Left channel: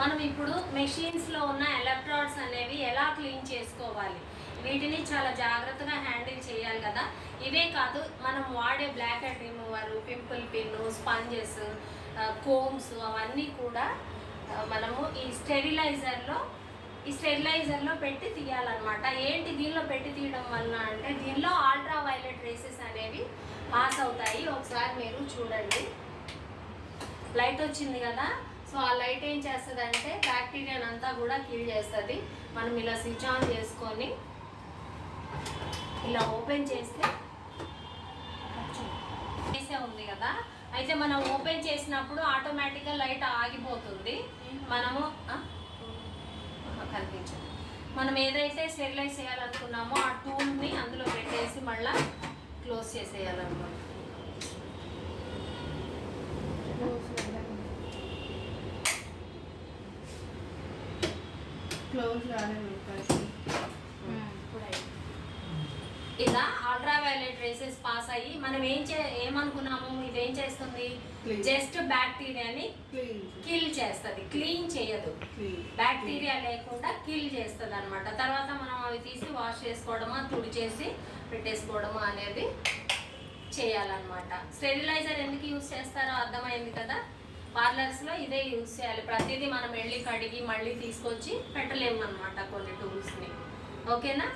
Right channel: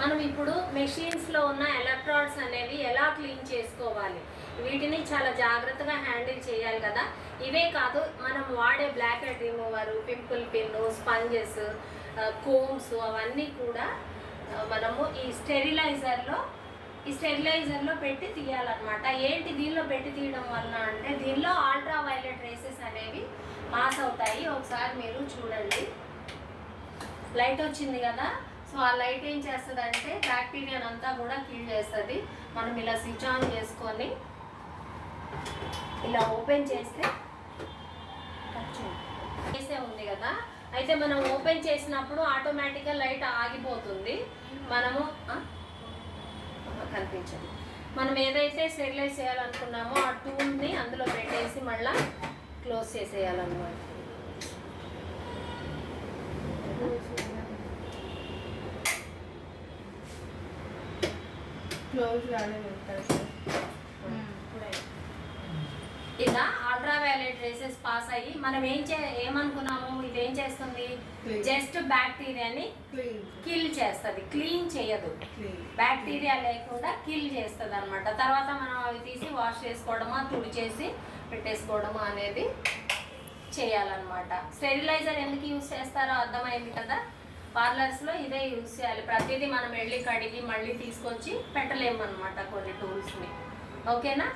మనం ఇప్పుడు మెషిన్స్లో ఉన్న ఎలక్ట్రాడ్స్ అనేవి ఎలా క్లీన్ చేసుకోవాలి, వీటిని చాలా జాగ్రత్తగా హ్యాండిల్ చేయాలి కదా. ఇవే కాదు, మనం వాడే black head remover, pimple pin, sponges, combs అవన్నీ కూడా మనము ఈ స్టెరిలైజర్లో పెట్టి తీయాలన్నమాట. ఏంటి దీనిలో పెట్టి తీయడం వల్ల అంటే, దీనిలో అల్ట్రా వైలెట్ రేసెస్ అనేవి పాస్ అవుతాయి. ఒకసారి మీరు చూడండి, లైట్ వచ్చింది కదా. సో ఆ లైట్ ఏం చేస్తుంది అంటే బ్యాక్టీరియా అంతా కూడా కిల్ చేస్తుంది. మనం ఇలా స్విచ్ ఆన్ చేసుకొని ఇలా ఓపెన్ చేస్తే ఉంది కదా, అయితే మనం ఓపెన్ చేసినప్పుడు ఆటోమేటిక్గా లైట్ ఆగిపోతుంది. మనము కనిపించండి, మనం ఏదైతే స్టెరిలైజ్ చేయాలనుకున్నామో ఆ టూల్ని అందులో పెట్టేసి మళ్ళీ క్లోజ్ చేసేయాలన్నమాట. ఇలా అల్ట్రా వైలెట్ రేసెస్ పాస్ అయ్యి మనం ఏమనుకున్నాము, ఇదేం చేస్తుంది, జస్ట్ బ్యాక్టీరియాని కిల్ చేస్తుంది, క్లీన్ చేయదు. బ్యాక్టీరియా లేకుండా కిల్ చేస్తుంది అనమాట. తర్వాత మనం అవి తీసి వాష్ చేసుకోవడమా, తుడిచేసి పెట్టేసుకోవడమా అనేది చేయాలన్నమాట. స్టెరిలైజర్ ఎందుకు యూజ్ చేస్తారో అర్థమైంది కదా. పార్లర్స్లో ఇదే యూజ్ చేయాలి. ప్రతిదీ మనం వెళ్ళి కడిగి మళ్ళీ తీసుకొచ్చి పెట్టలేము అనమాట కొన్ని టూల్స్ని. ఓకేనా?